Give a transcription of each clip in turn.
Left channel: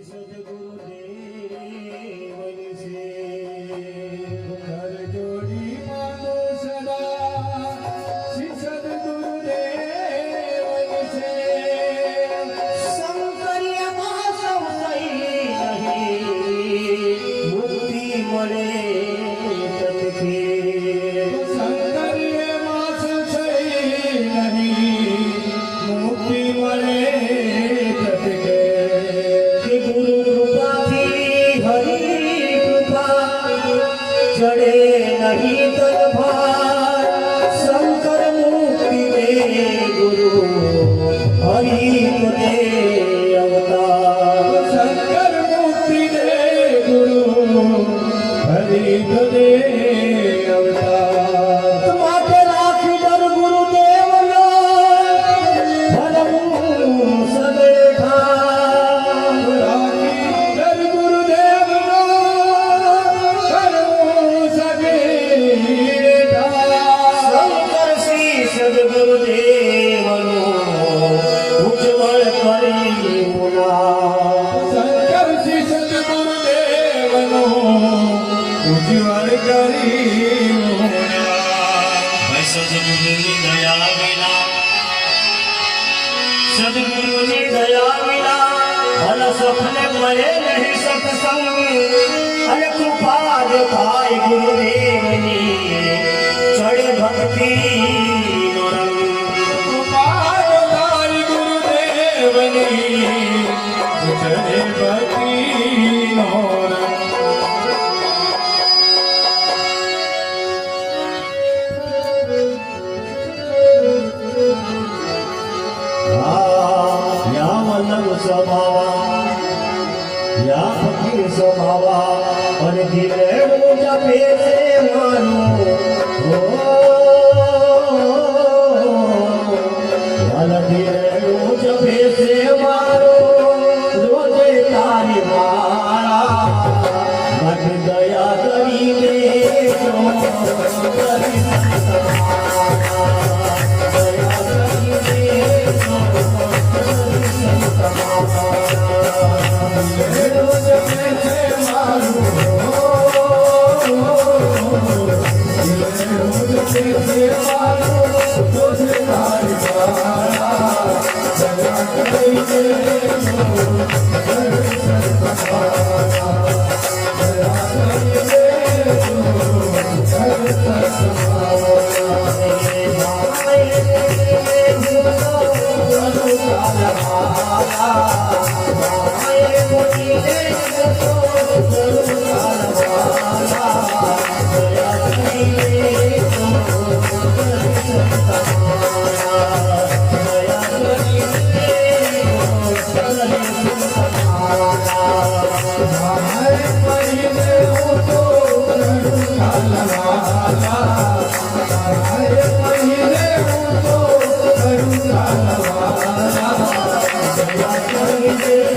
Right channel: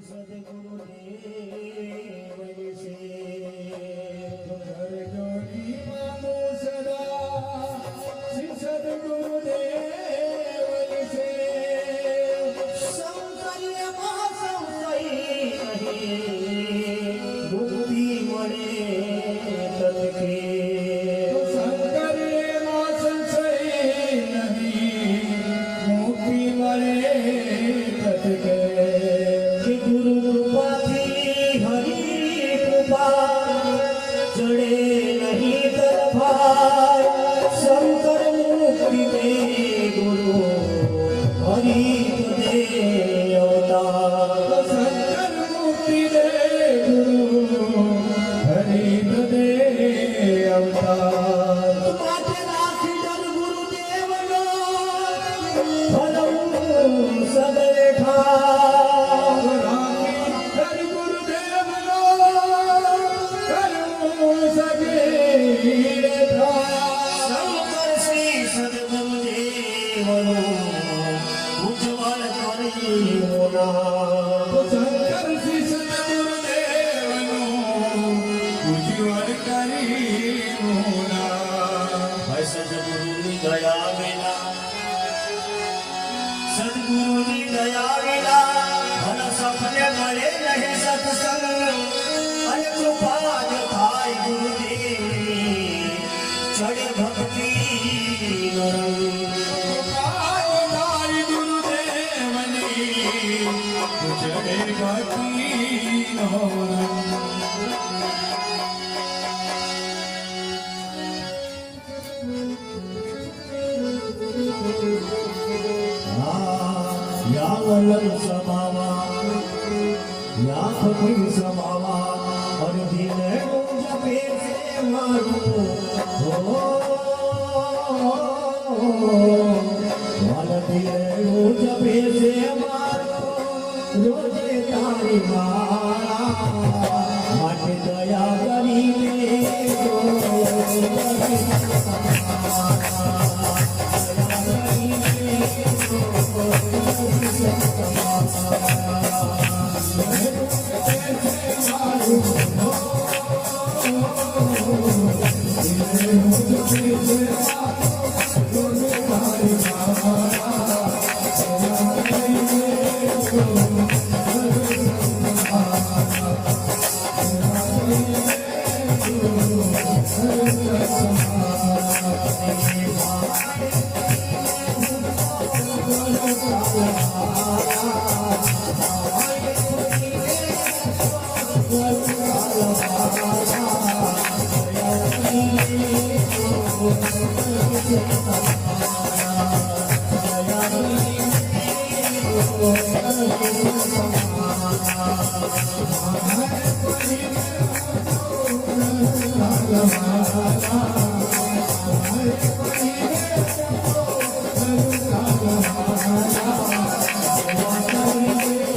सद्गुरुदेवनि से कर जोड़ी मानो सदा श्री सद्गुरुदेवनि से शंकर्य संशय नहीं मुक्ति मरे तत्के शंकर्य संशय नहीं मुक्ति मरे तत्के गुरु कृपा थी हरि कृपा चढ़े नहीं तलवार शंकर मुक्ति दे गुरु हरि दे अवतार शंकर मुक्ति दे गुरु हरि दे अवतार माते राखी डर गुरुदेव लो धर्म सदे ठार हर गुरुदेव शंकर श्री सद्गुरुदेवनो उज्ज्वल करी मुना शंकर श्री सद्गुरुदेवनो उज्ज्वल करी मुना सद्गुरुनी दया विना सद्गुरुनी दया विना भल सपने मरे नहीं सत्संग अरे कृपा थाय गुरुदेवनी चढ़े भक्ति नरम कृपादाय गुरुदेवनी चढ़े भक्ति नौरंग या वल्लभ समावा या फकीर समावा और दिलेडू जपे से मानो हो वाल दिलेडू जपे से मारो रोजे तारी मारा मत दया करी ले जो Thank you.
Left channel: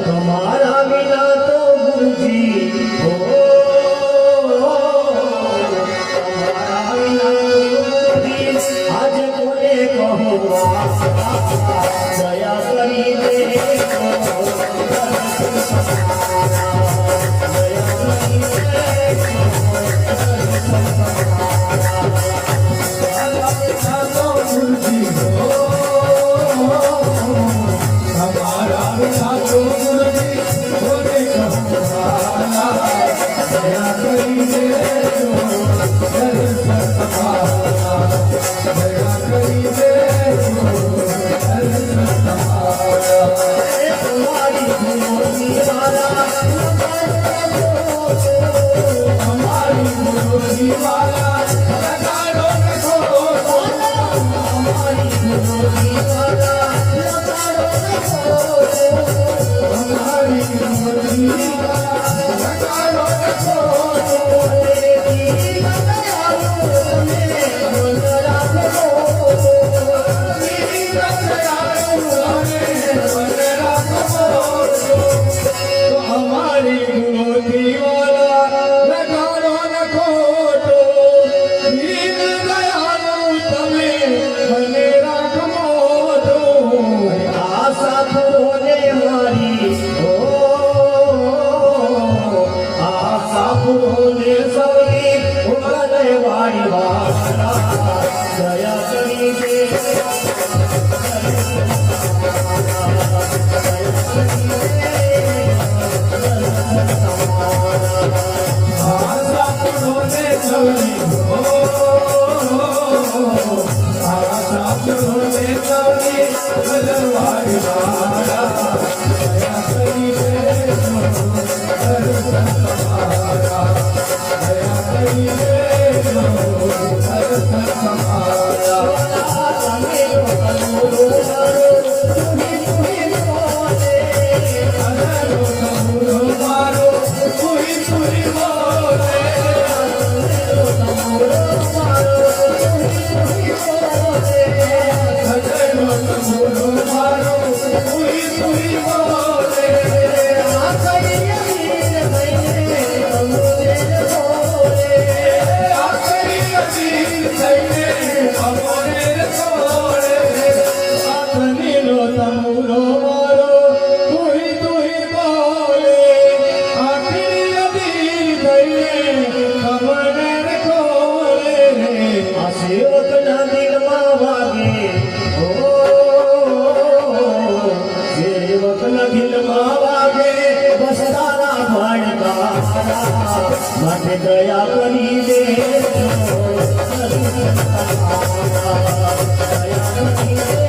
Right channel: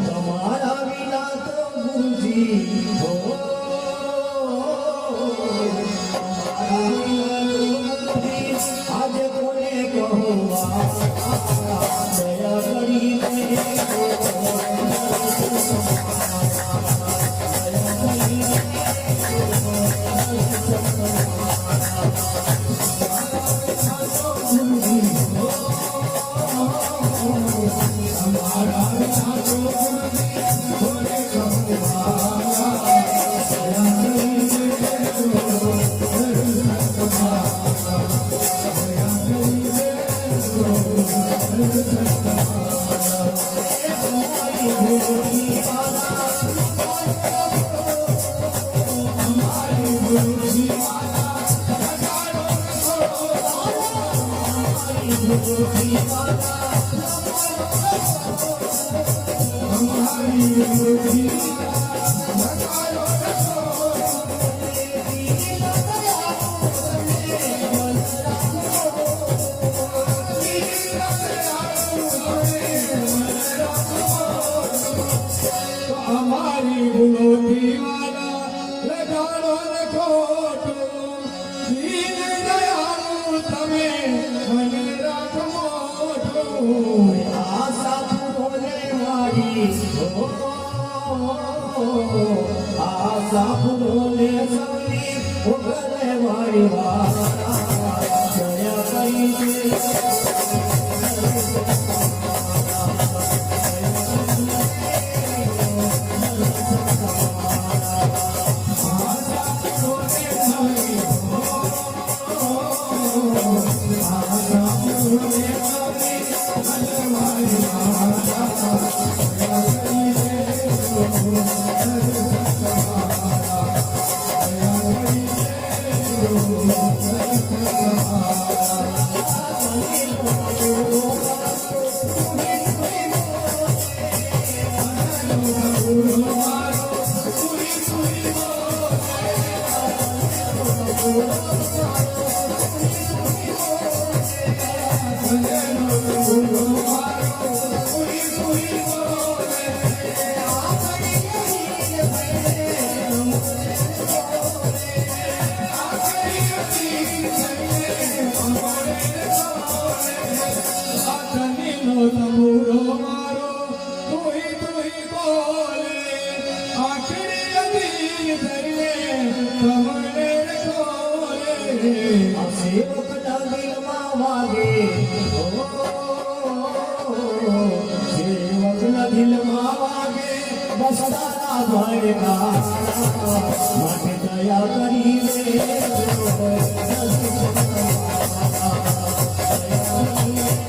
તમારા વિના તો ગુરુજી તમારા વિના ગુરુજી આજે કોને કહું દયા કરીને દયા કરી દે સેવકના દિલમાં વાગે સેવકના દિલમાં વાગે બસ તારા ભણકારા માટે દયા કરી દેજો દયા કરી